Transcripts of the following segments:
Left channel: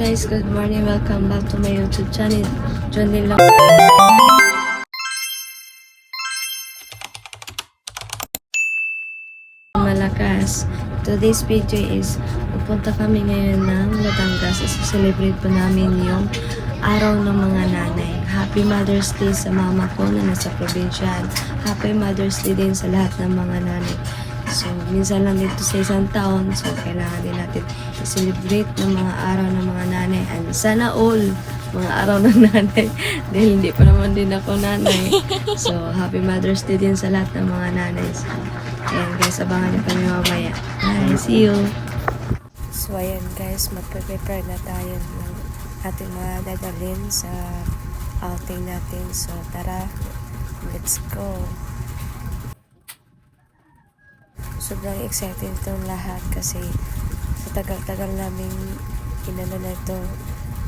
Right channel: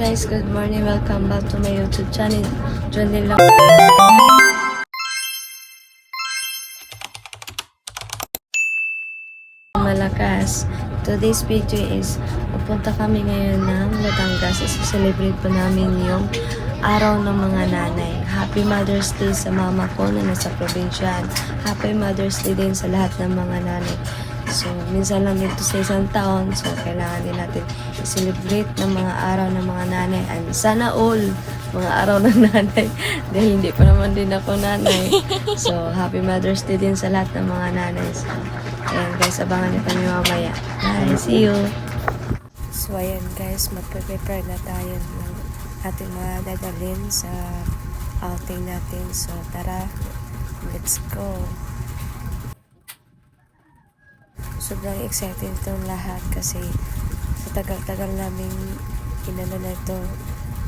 guys, good morning. Welcome back to my YouTube channel. John din lang. Malakas. Today's video is pupunta kami ngayon ng Batangas. Celebrate po namin yung araw ng mga nanay. Happy Mother's Day sa mama ko na nasa probinsya. Happy Mother's Day din sa lahat ng mga nanay. So, minsan lang dito sa isang taon. So, kailangan din natin i-celebrate ng mga araw ng mga nanay. And sana all mga araw ng nanay. Dahil hindi pa naman din ako nanay. So, Happy Mother's Day din sa lahat ng mga nanay. So, ayan guys, abangan niyo kami mamaya. Bye, see you! So, ayan guys, magpe-prepare na tayo ng ating mga dadalhin sa outing natin. So, tara, let's go! Sobrang excited itong lahat kasi sa tagal-tagal naming inano na ito,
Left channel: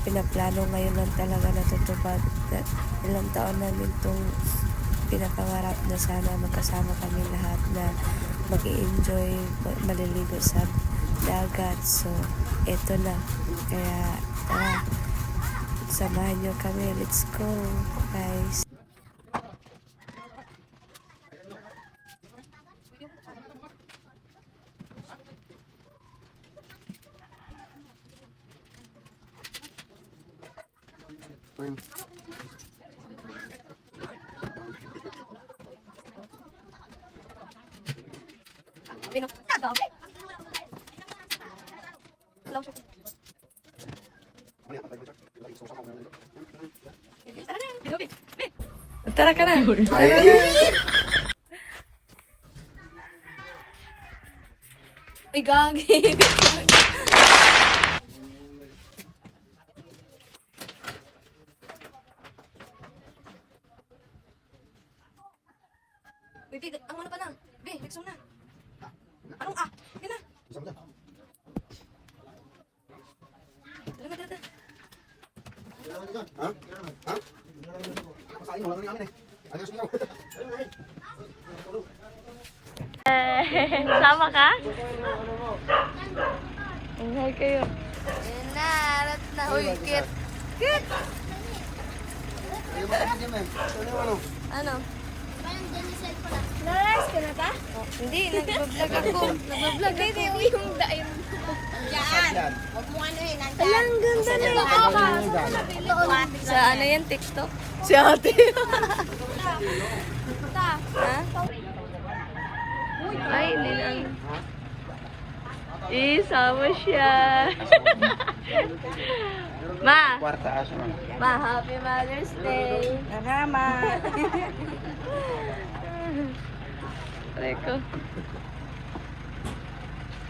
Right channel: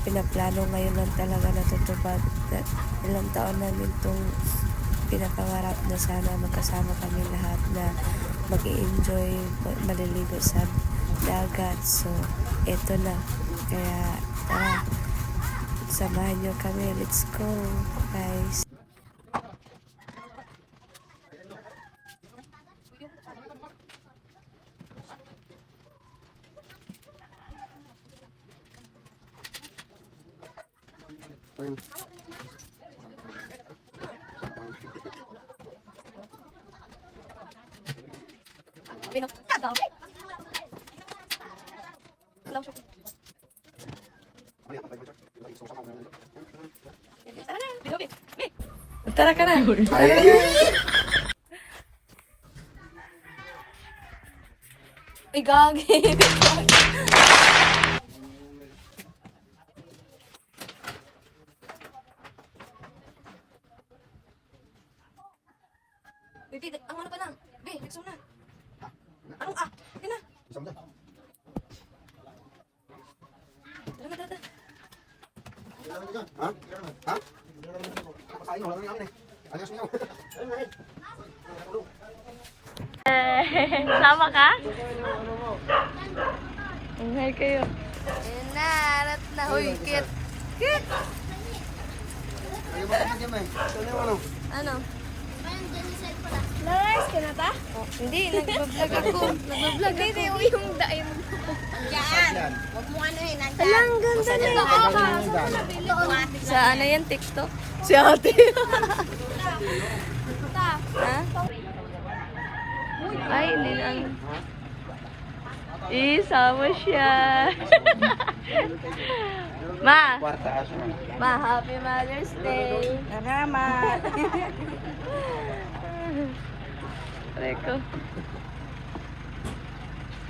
pinaplano ngayon lang talaga natutupad. Ilang taon namin itong pinapangarap na sana magkasama kami lahat na mag-i-enjoy, maliligo sa dagat. So, eto na. Kaya, tara, samahan nyo kami. Let's go, guys. Tara ka na. Ay, gagi. Wait, ang ano pa lang? Be, exam na. Anong Yan na. Dala. Ha? Ha? Pasain, wala nga namin eh. Ayos niyo. Sama ka? Hi kayo. Narat na. Uy, kit. Kit! Ano? Nice ka na ba? Oh, hindi, nag-vlog ako. Nag-vlog ako. Hindi, uy, yung daim. Diyan. Huwag mo ano yun. Alang ganda na. Sa ano yan, TikTok? Si ate. Ha? Ay, hindi lang. Isama siya. Ma, Happy Mother's Day. Salamat. Reko.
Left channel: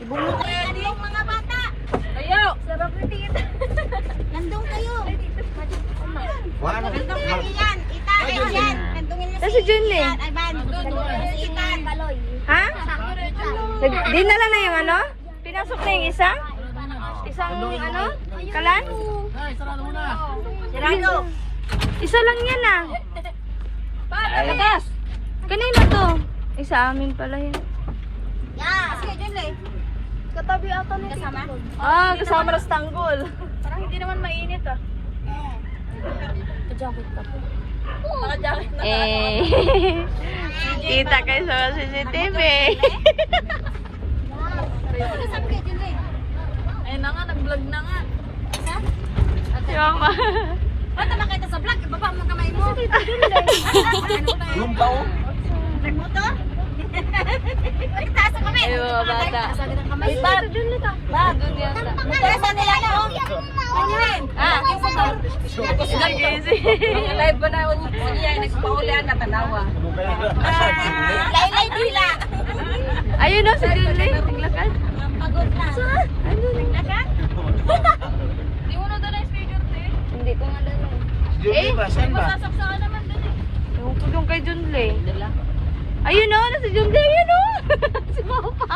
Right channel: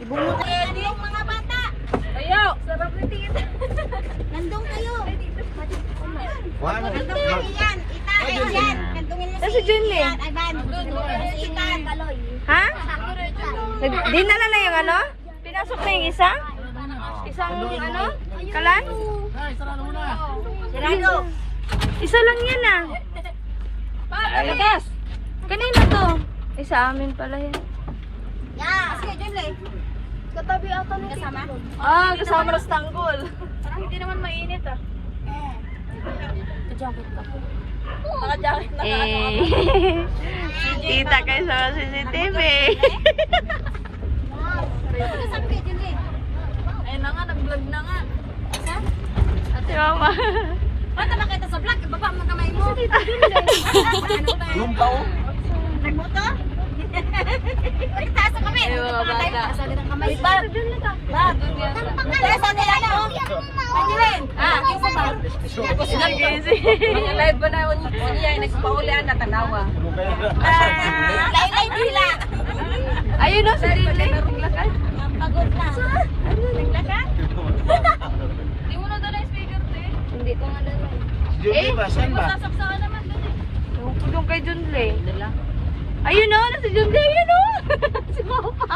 Ibunot ready yung mga bata. Kayo, sarap ni Tita. Nandun kayo. Nandun kayo yan. Ita, yan. Nandungin mo Si Junlin. Ivan. Ivan. Baloy. Ha? Dinala na yung ano? Pinasok na yung isa? Isang ano? Kalan? Sarado. Isa lang yan ah. Labas. Kanina to. Isa amin pala yan. Yeah. Sige, Junlin. Katabi ata ni Tita. Kasama ng Istanbul. Parang hindi naman mainit ah. Kajakit ako. Nakajakit na. Kita kayo sa CCTV. Ayun na nga, nag-vlog na nga. Si Mama. Ba't na makita sa vlog? Baba mo kamay mo. Yung tao? Nagmoto? Taas ang kamay. Ayo, bata. Bag. Bag. Taas ang nila ko. Pagawin. Live ba na yun? Nagpaulian na tanawa. Laylay dila. Ayun o, sa Julie. Naglakad. Pagod na. Naglakad? Hindi mo na doon ang speaker, te. Hindi ko nga doon. Saan ba? Sasaksakan naman dun eh. Tulong kay Junley. Ayun o, nasa Junley. Ayun o. Si Papa.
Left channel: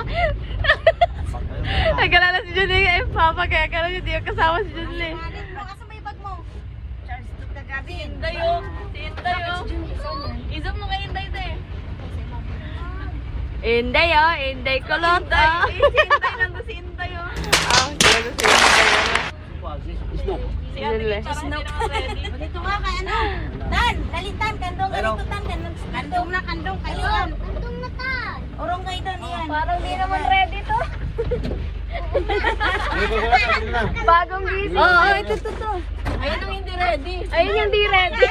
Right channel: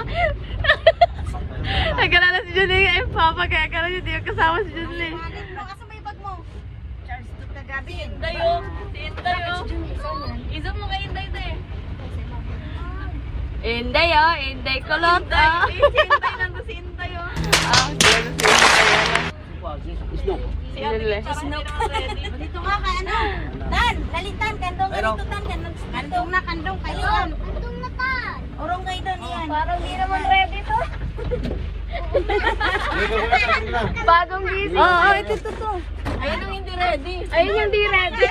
Nagkala si Junley kay Papa. Kaya kala niya di kasama si Junley. Asa may bag mo? Charles, tagabi. Tayo. Tayo. Isang mo kay Inday, te. Inday o. Inday kulot o. Inday nang si Inday oh. Si Ate Kate parang hindi naman ready. Dito nga ka, ano? Tan, lalitan, kandong, lalitan, kandong na, kandong, kandong. Kandong na ta. Orong kayo doon yan. Parang hindi naman ready to. Bagong gising. Oo, ito. Ayun yung hindi ready. Ayun yung hindi ready.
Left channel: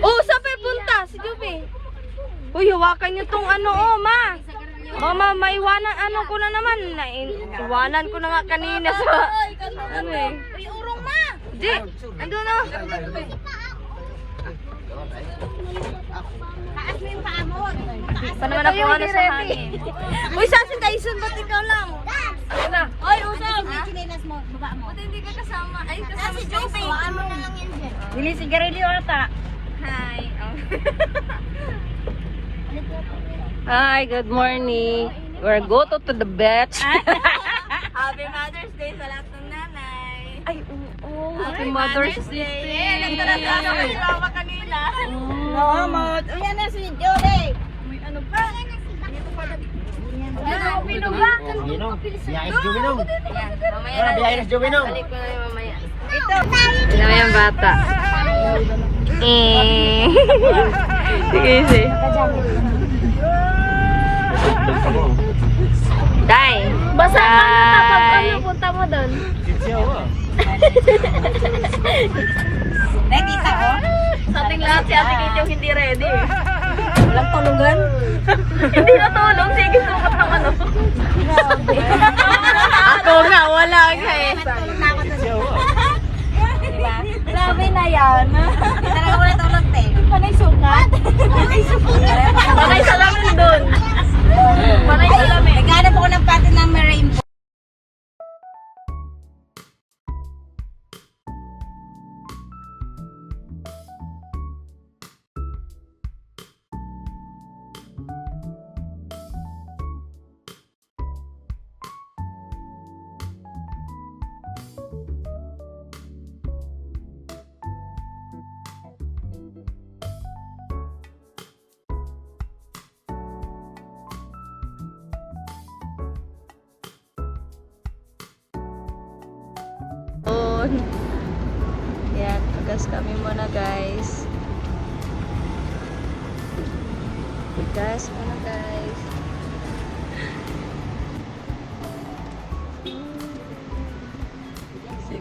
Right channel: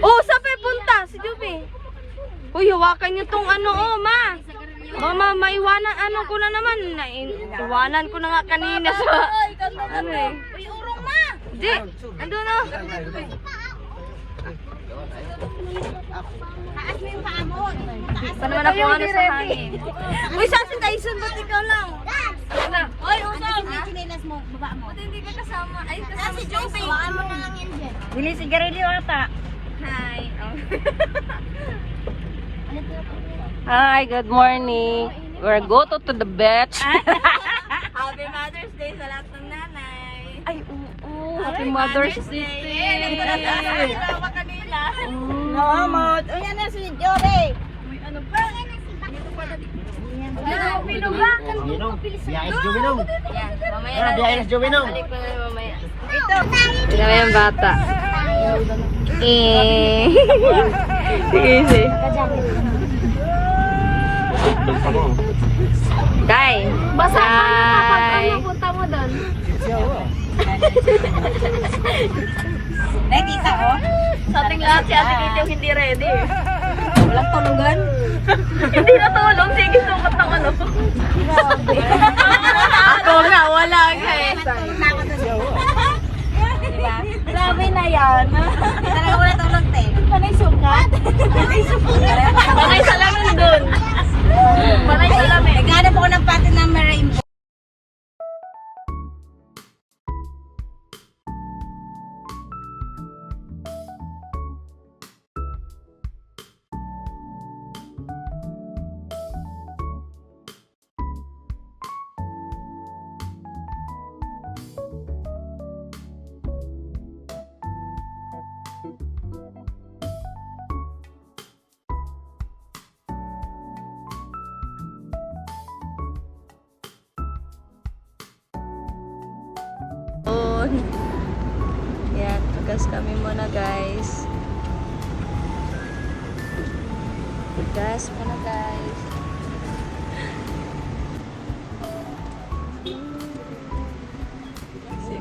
Oh, saan pa punta? Si Juby. Uy, hawakan niyo tong ano, oh, ma. Mama, maiwanan, ano ko na naman. Iwanan ko na nga kanina sa... Ano eh. Uy, urong ma. Di, ando na. Taas mo yung paa mo. Pa naman ako ano sa hangin. Uy, saan si Tyson? Ba't ikaw lang? Oy, usap. Ang chinelas mo, baba mo. Hindi ka kasama. Ay, Ah, si Joey. Baan mo na lang yan dyan. Bili sigarilyo ata. Hi. Hi, good morning. We're go to the beach. Happy Mother's Day sa lahat ng nanay. Ay, oo. Happy Mother's Day. Kasama kanina. Salamat. Uy, ano si Joey? Juminong. Biyahe si Juminong. Wala, biyahe na si Juminong. Tignan mo yung bata. Sige, sige. Day. Basa ka na pag ano punta mo doon. Nakita ko? Sa ating lahat si Ate Kate yung hindi ready. Walang tulungan. Hindi na tulong. Sige, sukat ng ano. Ako nga, wala ka eh. Grabe na yan. Talaga wala tulog, te. Panay sukat. Panay sukat. Panay salamin doon. Panay salamin. Naghanap ako ng pattern ng rainbow. Yan, pagas kami muna guys. Pagas muna guys.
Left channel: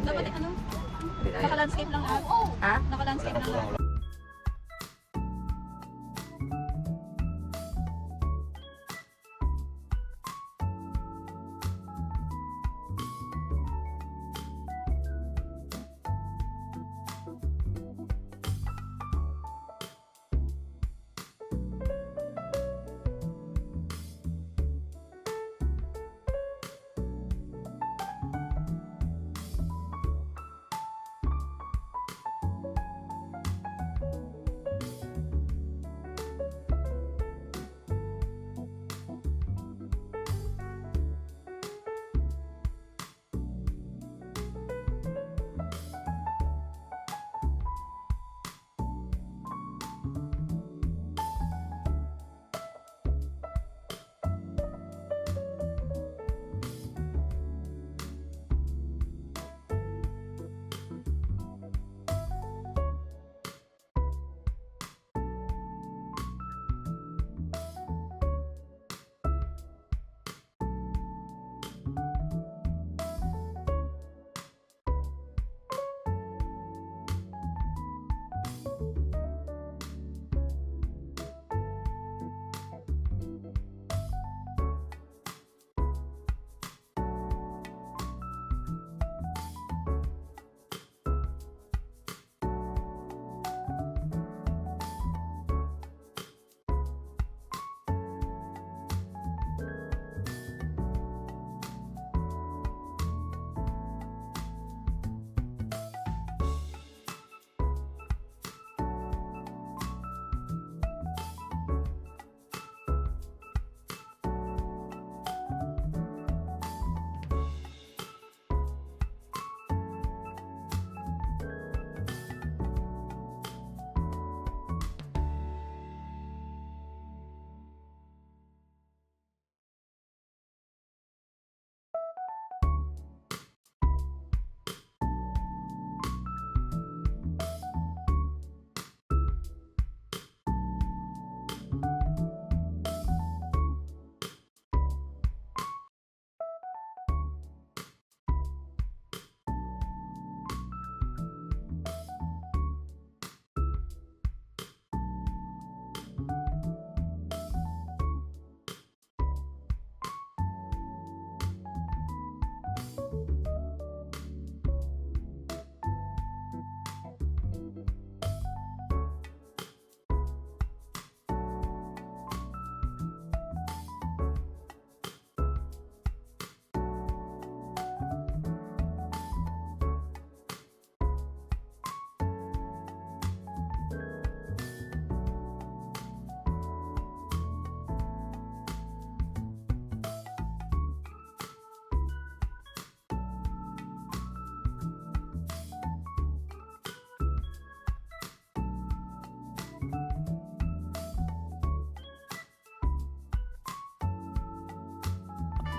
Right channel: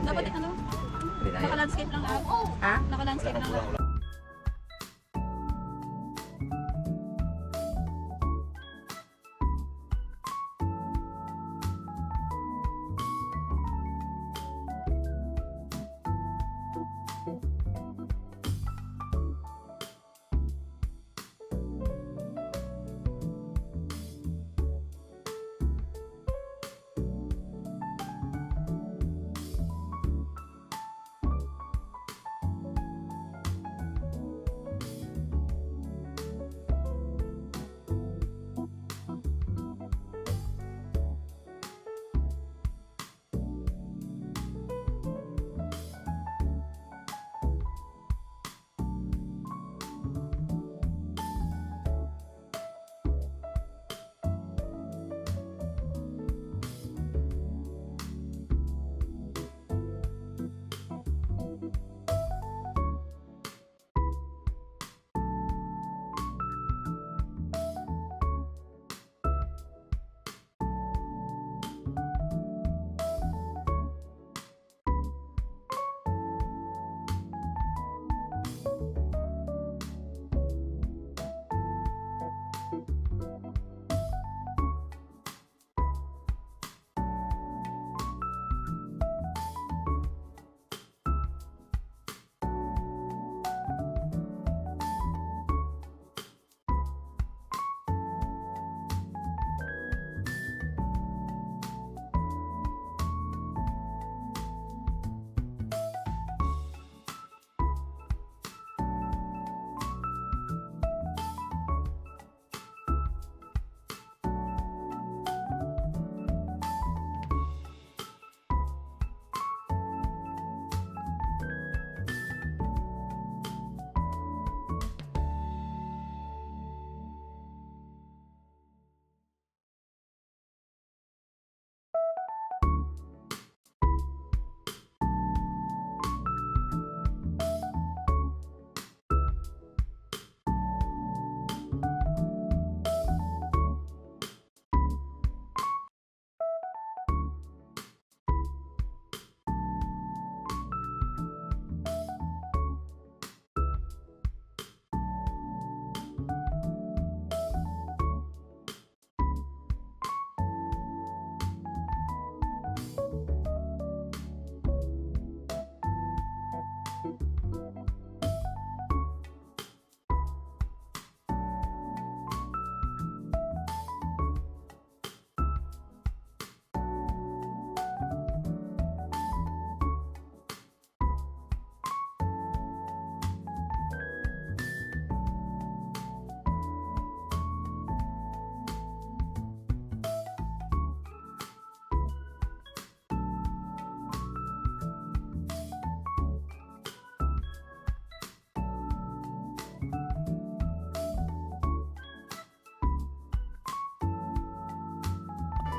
Dapat ano? Naka-landscape lang ako. Ha? Naka-landscape lang ako.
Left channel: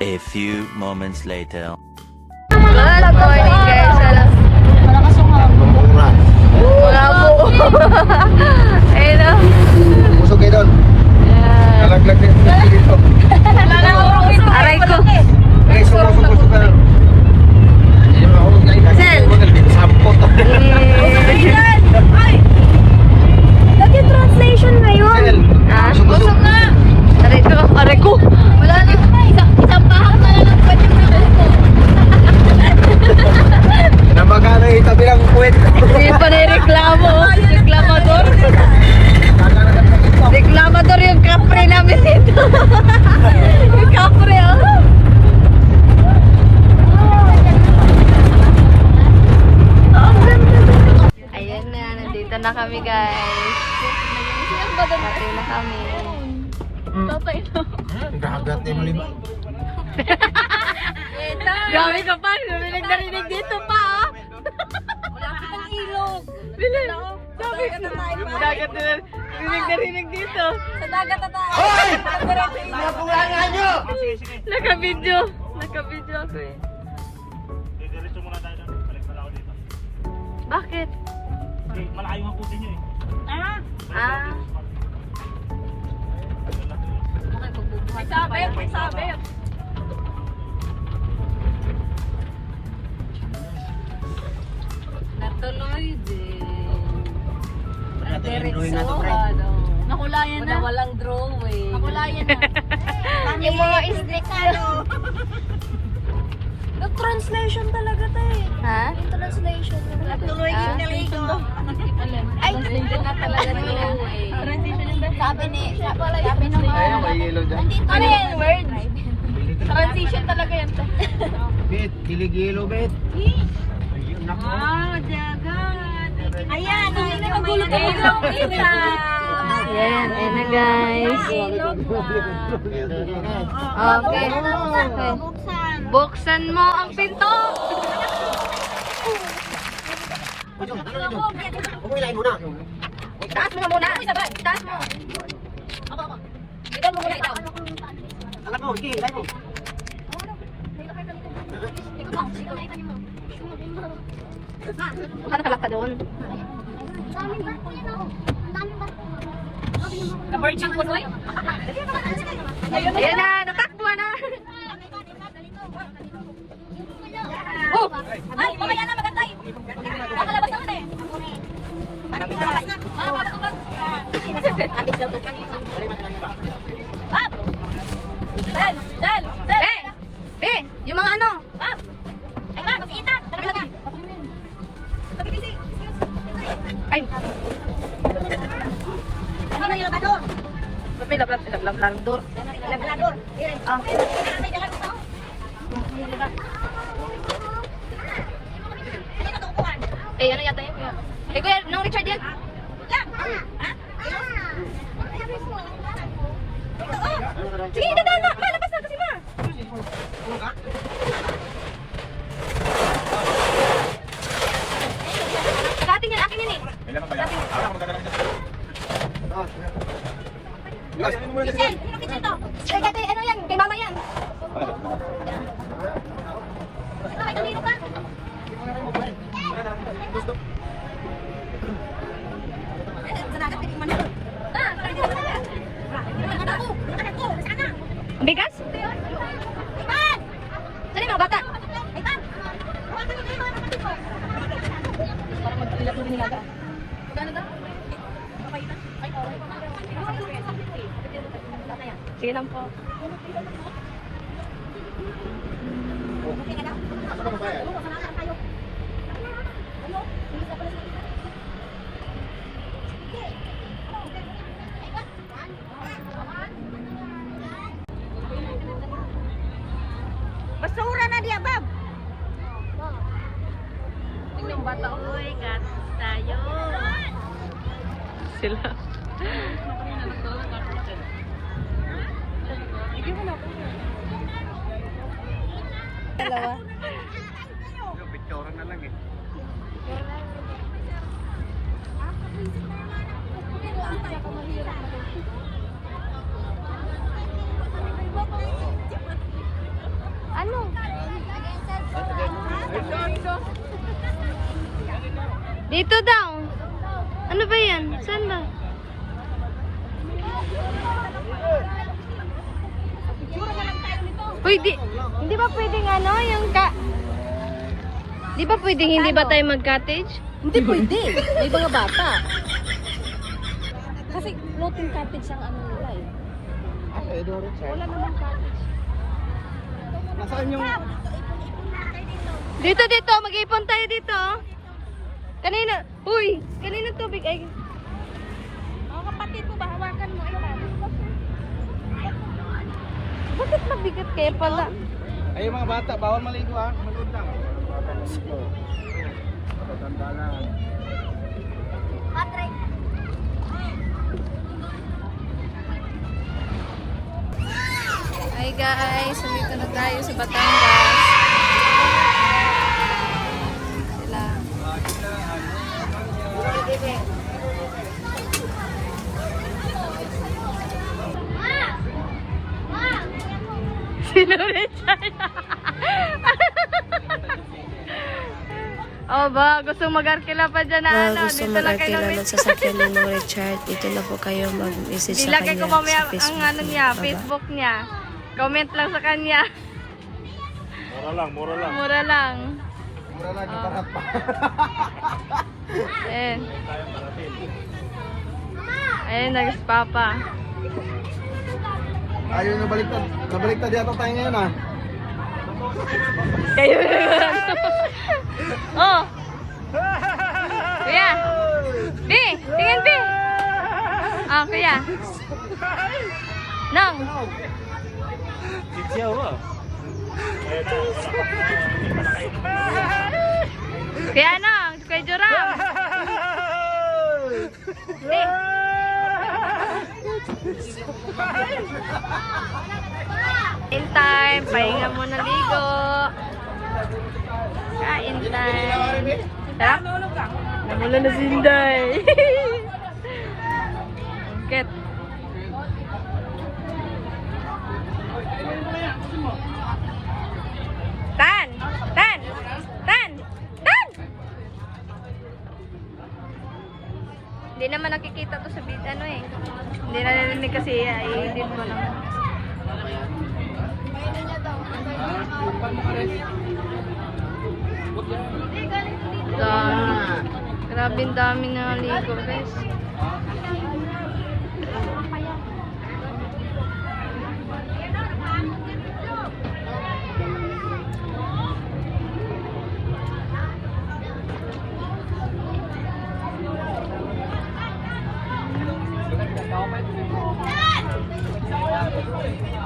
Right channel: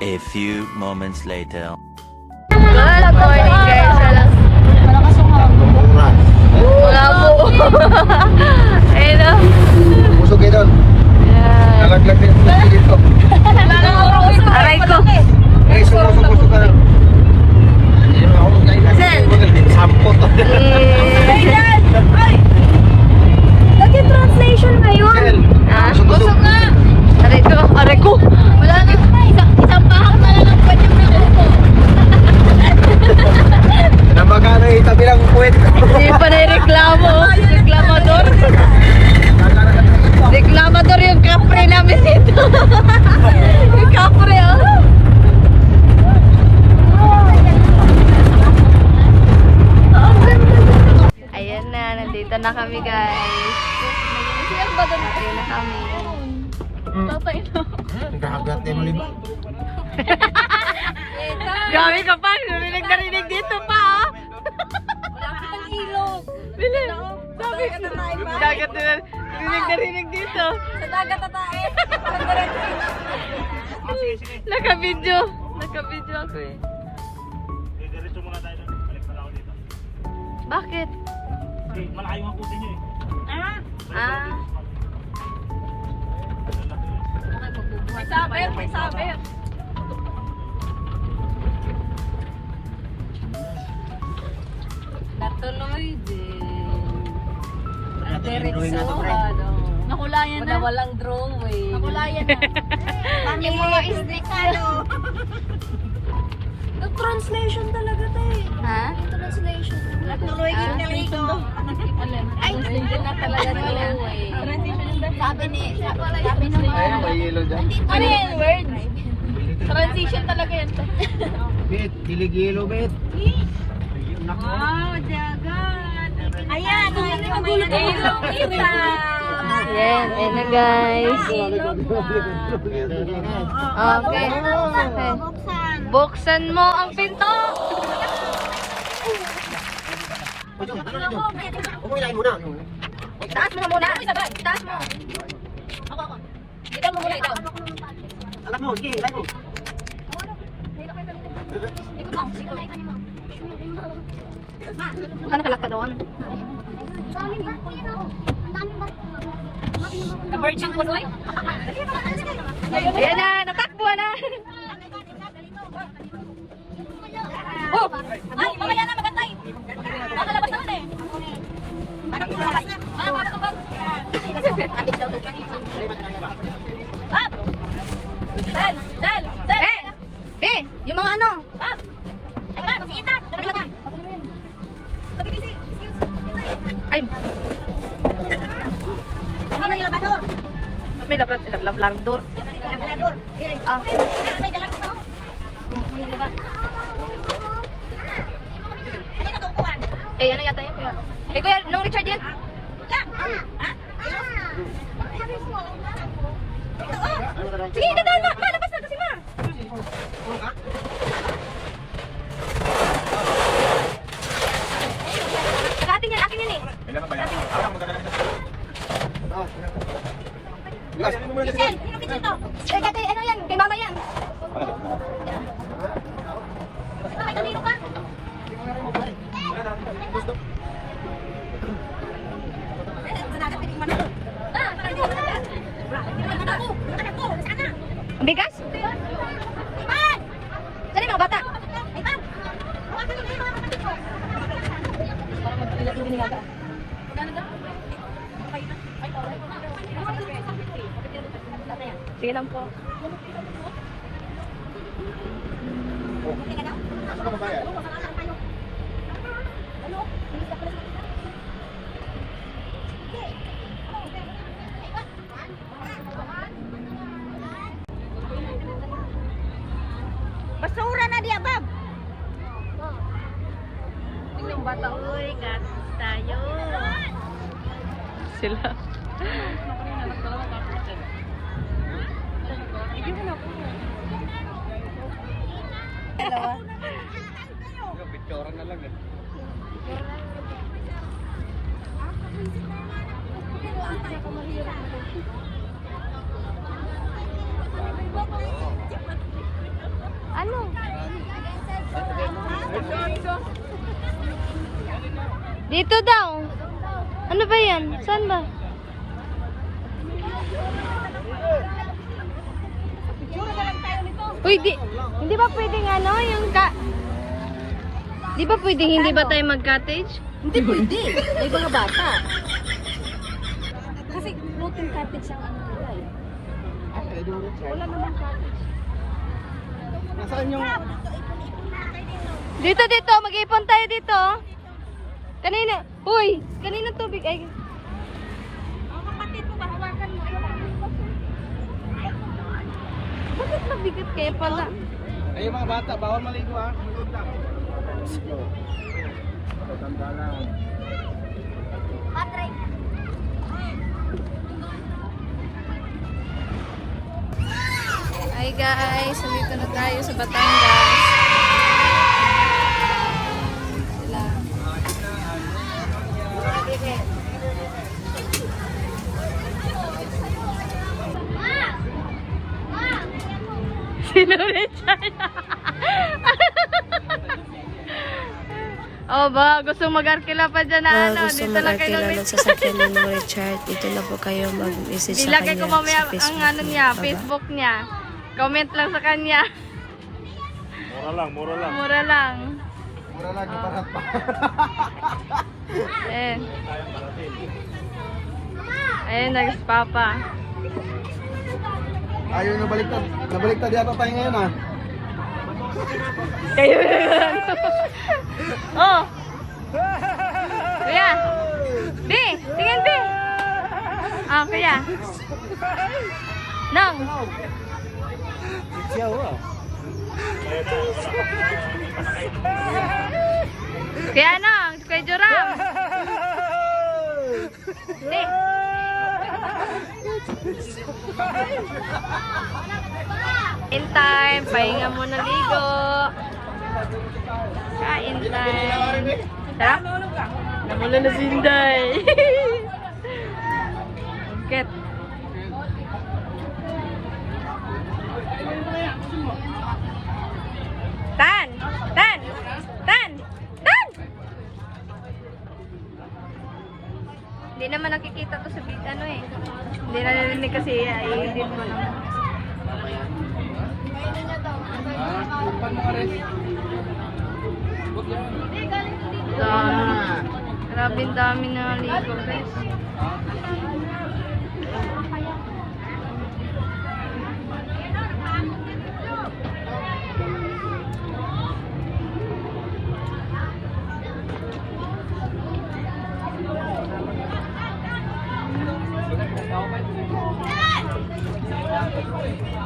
A few moments later. Good morning guys. Mga po. Ayun o. Usog yun doon. Nalaglag din dito. Aray ko. Eh, sumusok na lang. Sir. Sampo to. Lagi translation na yun. Ah? Sumusok. Aray ko. Wala na. Sampahan tayo ng palit na ito. Nabaka na yung kabilang puwet. Hindi pa na reklamo. Reklamador. Reklamador yung kapre namin dito. Yung kapre oh. Ayun na, nandito na kami guys. Patay na kami. Naghahagat tayo mali ba? Grabe ka pa, narinig dito pa oh. Wala ka ng ilog. Bili. Sabi, dagat na narinig dito. Sa dagat na tayo. Naka-video. Naka-video ako eh. Diretso muna tayo doon. Balik na ako dito. Bakit? Malayo ang pusin nyo eh. Ah. May sabi. Natuloy din. Nakulayan na. Walang drawing. Nakulayan na. Yung mga islikado. Nag-translation talaga tayo. Ha? Translation. Natuloy din dito. Ay, Translation na talaga nila. Sabi ni mga May yelo dyan. ano yan word? Transition talaga yan. Bit, kiligilo bit. Ayan, yun yung magulog ilong. yan. Ayun na guys. Okay. Buksan mo ang pinto. Umulan mo na. Taas mo muna. Taas mo. Ikaw mo muna ikaw. Alam mo, sige, tayo. Saan nakalak ka doon? Na-virgin po doy? Ayan na, natakbo na. Oh! Ay, mamaya na magantay. Makalabas naman eh. Ano po labas na? Up! Dal! Dal! Dal! Eh! Be! Yung mga ano? Up! Ay ma, mag-iitak! Dala mo lang. Sabi kasi, Ay! ano na yung labador? May labrador. Labrador. Ah. May dalag ito. Ano na tukuhan? Eh, ano yata yun? Eh, kuya, no Richard yan. Sige, dadaan na! Malabas na kasi ma! Akin yan, akin yan eh. Kitchen! Ano kitchen to? Eh, dati, ano yan? Kay mama yan. Ay, kanino pa? Ay, sanagat tingin man ako. Ah, parang hindi ko na. Natakbo! Natakbo! Sana! Ang bigas? Iban! Saan yung mga bata? Iban! Hawakan niyo yung mga kapatid ko. Sige lang po. Basura na di abab. Tingnan bata ko. Uy, kasos tayo. Sila. Picture na lang eh. Ano? Dito daw. Ano ba yan? Saan ba? Uy, hindi ba pwedeng ano, yung di ba pwedeng hindi ba tayo mag-cottage? Hindi pwede. Di ba nga bata? Kasi floating cottage ang ano nila eh. Wala namang cottage. Nasaan yung... Dito, mag-ipon tayo dito. Kanina, kanina tubig ay. Mga kapatid mo, mahawakan mo. Bakit mabigat kayo pala? Ayun mga bata, bawal maligo ha. Manood na. Tanda na. Hi guys, nandito na tayo sa Batangas. Sino Richard? Oh ba, gusto mag-arkila pa dyan na ano? Gusto Dito lang kayo mag-arkila ng sasakyan ni Nong Richard. Dito na po kayo mag-message sa Ilagay kanya ko mamaya sa Facebook. ang ano niya, Baba. Facebook niya. Comment lang sa kanya. Mura lang. Mura lang. Mura lang, kapakat pa. Ayan. Ayan, nagspapa. Ayaw nyo baliktad. Nabaliktad yata tayo ngayon ha. Kayo na. Oh! Kuya! Bi! Tingin, Bi! Ah, kuya. Nang! Siyaw ah. Kuya Nang! Kuya Joram! Bi! Kain time! Pahinga muna ligo! Kain time! Sarap? Namula na si Inday! Ket! Tan! Tan! Tan! Tan! Hindi naman nakikita to sa ano eh. Hindi narinig kasi i-edit mo naman. Grabing dami na ligo guys.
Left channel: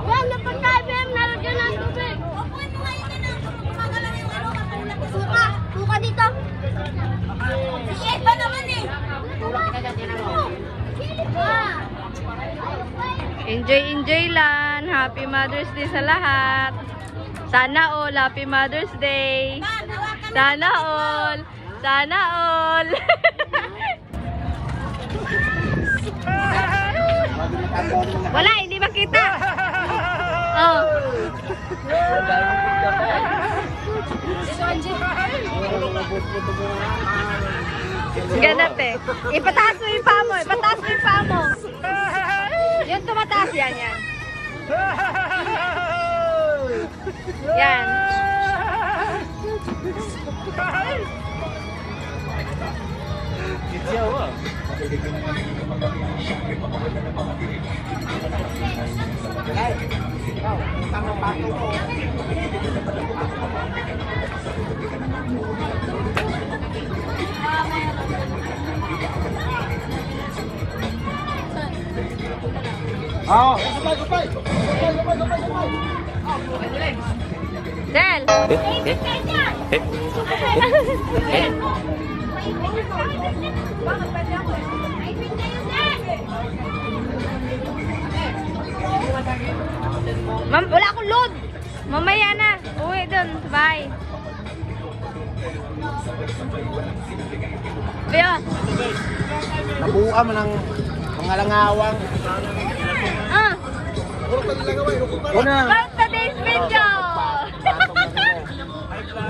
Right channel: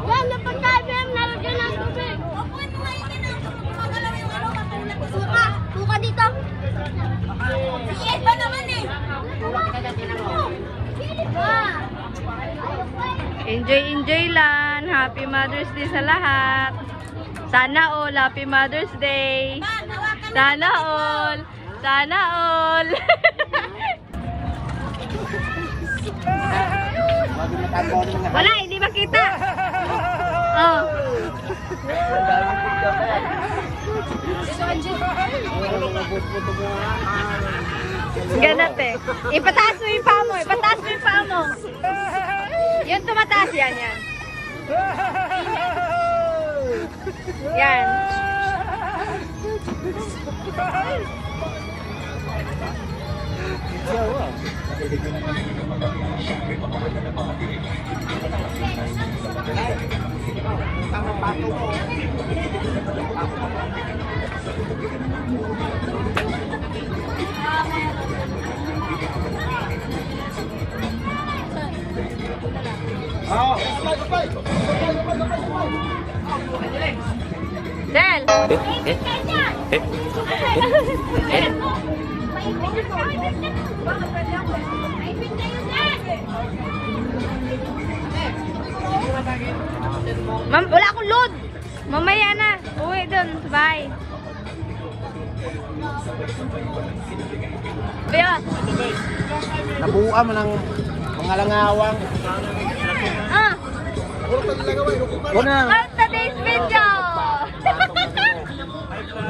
Wala pa tayo nalagyan ng tubig. Suka dito. Iyan pa naman eh. Enjoy lang. Happy Mother's Day sa lahat. Sana all Happy Mother's Day. Sana all. Sana all. Wala, hindi makita. Oh. Ganat eh. Ipataas mo yung paa mo. Ipataas mo yung paa mo. Yung tumataas yan. Yan. Siyaw ah. Del. Ma'am, wala akong load. Mamaya na. Uwi dun. Bye. Kaya, Nabuha mo ng mga langawang. Una. start today's video.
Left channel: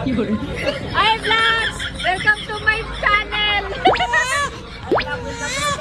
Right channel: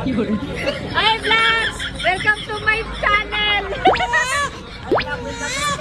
Hi vlogs! Welcome to my channel! Tulong! Tulong!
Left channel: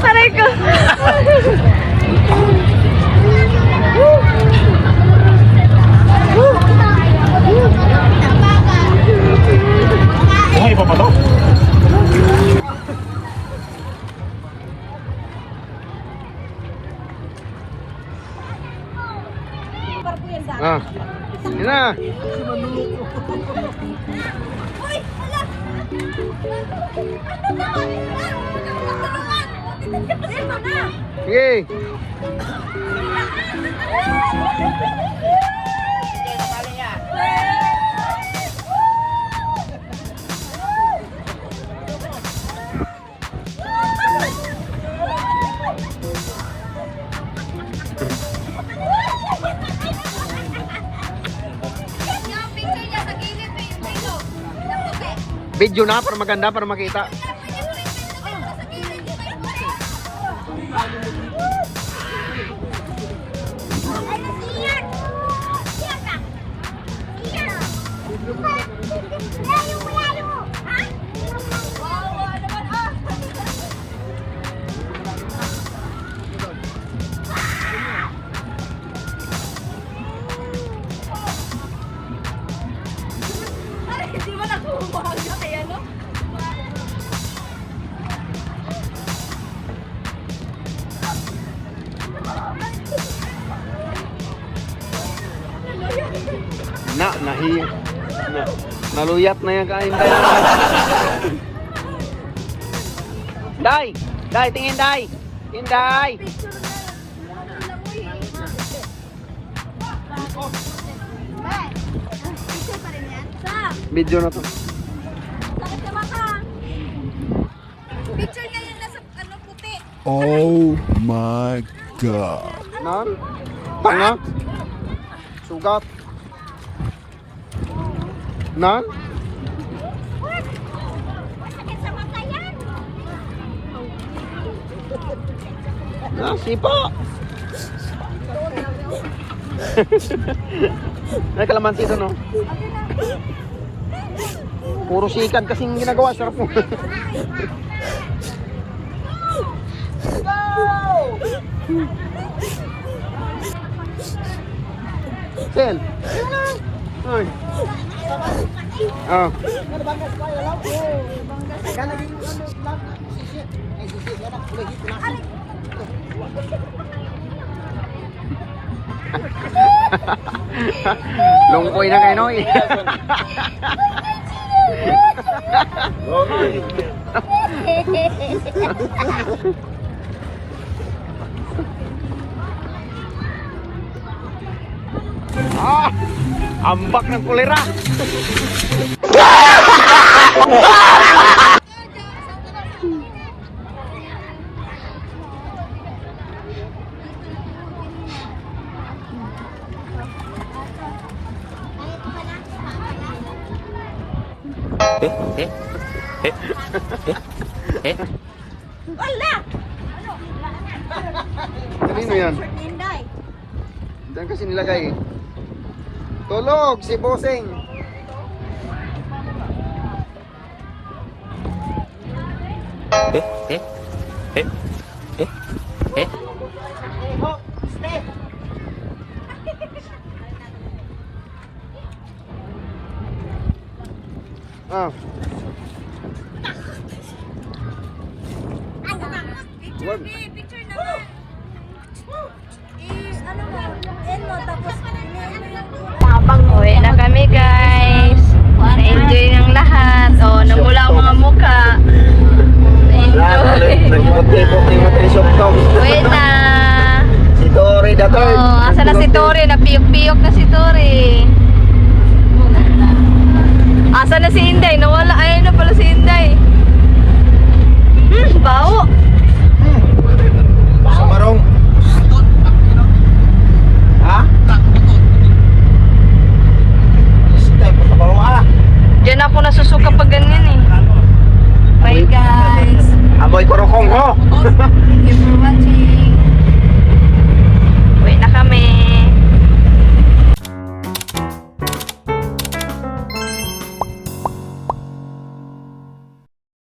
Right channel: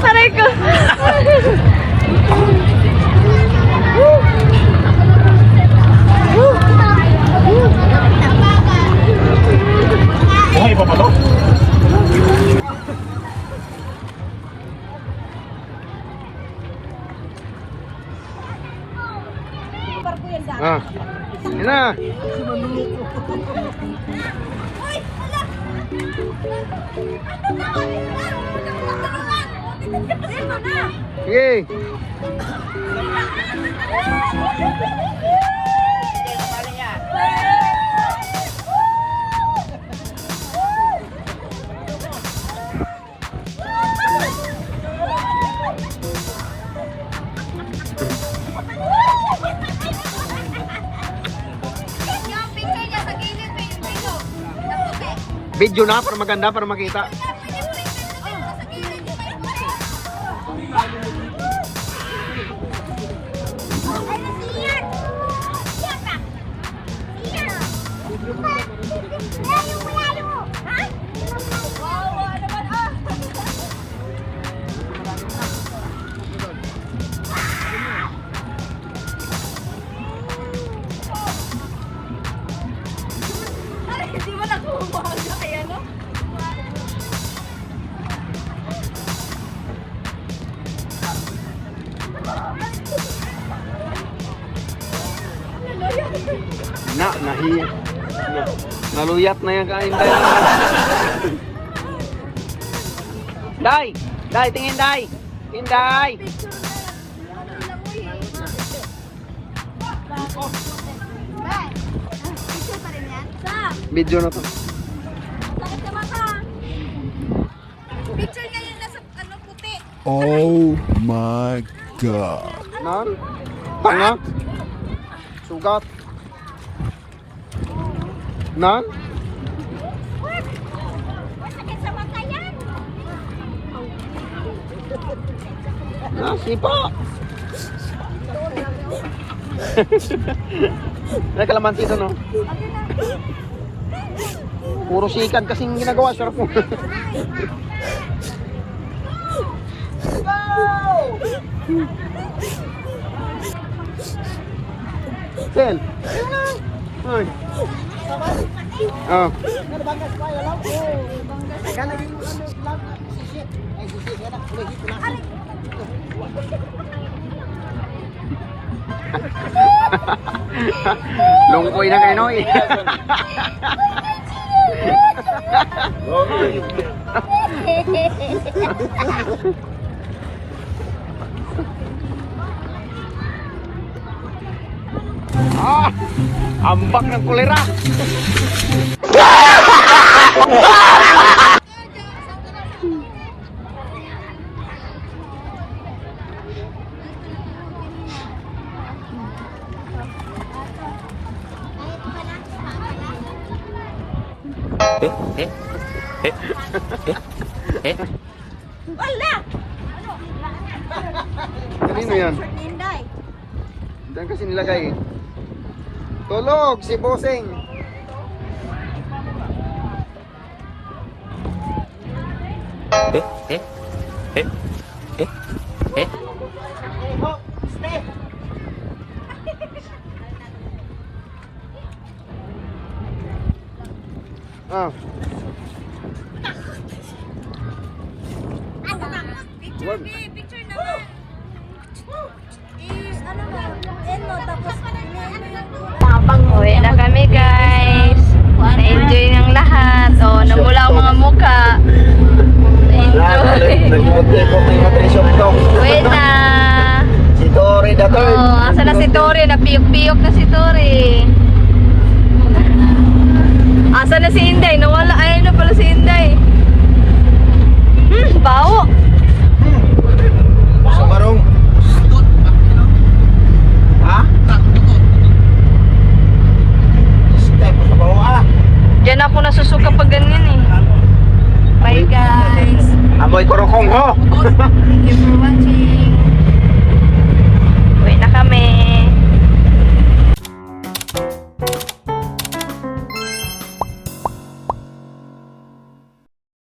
Aray ko! Buhay pa ba to? Ah, hindi na. Sige. Video na para maganda para makita. Naluyat na yan kain tayo. Day! Day, tingin Day! Tingin Day! Video na to. Picture niya yung nasa ano puti. Oh my God. Nan? Tanga? Sugat? Nan? Sipa! May kalamansi ito, no? Puro sikat kasing ginagawa. Sarap mo. Sen! Ay! Oh. Lungkoy na kayo, Noy. Ah! Ambak ng kulera. Wala! Kanino yan? Inday. Diyan kasi nilagay. Tulog si Boseng. Uwi na kami guys. Na-enjoy ng lahat. O, namula ang mga mukha. Na-enjoy. Uwi na. Si Tori na to. Oh, asa na si Tori? Napiyok-piyok na si Tori. Asa na si Inday? Nawala. Ayun na pala si Inday. Bawo.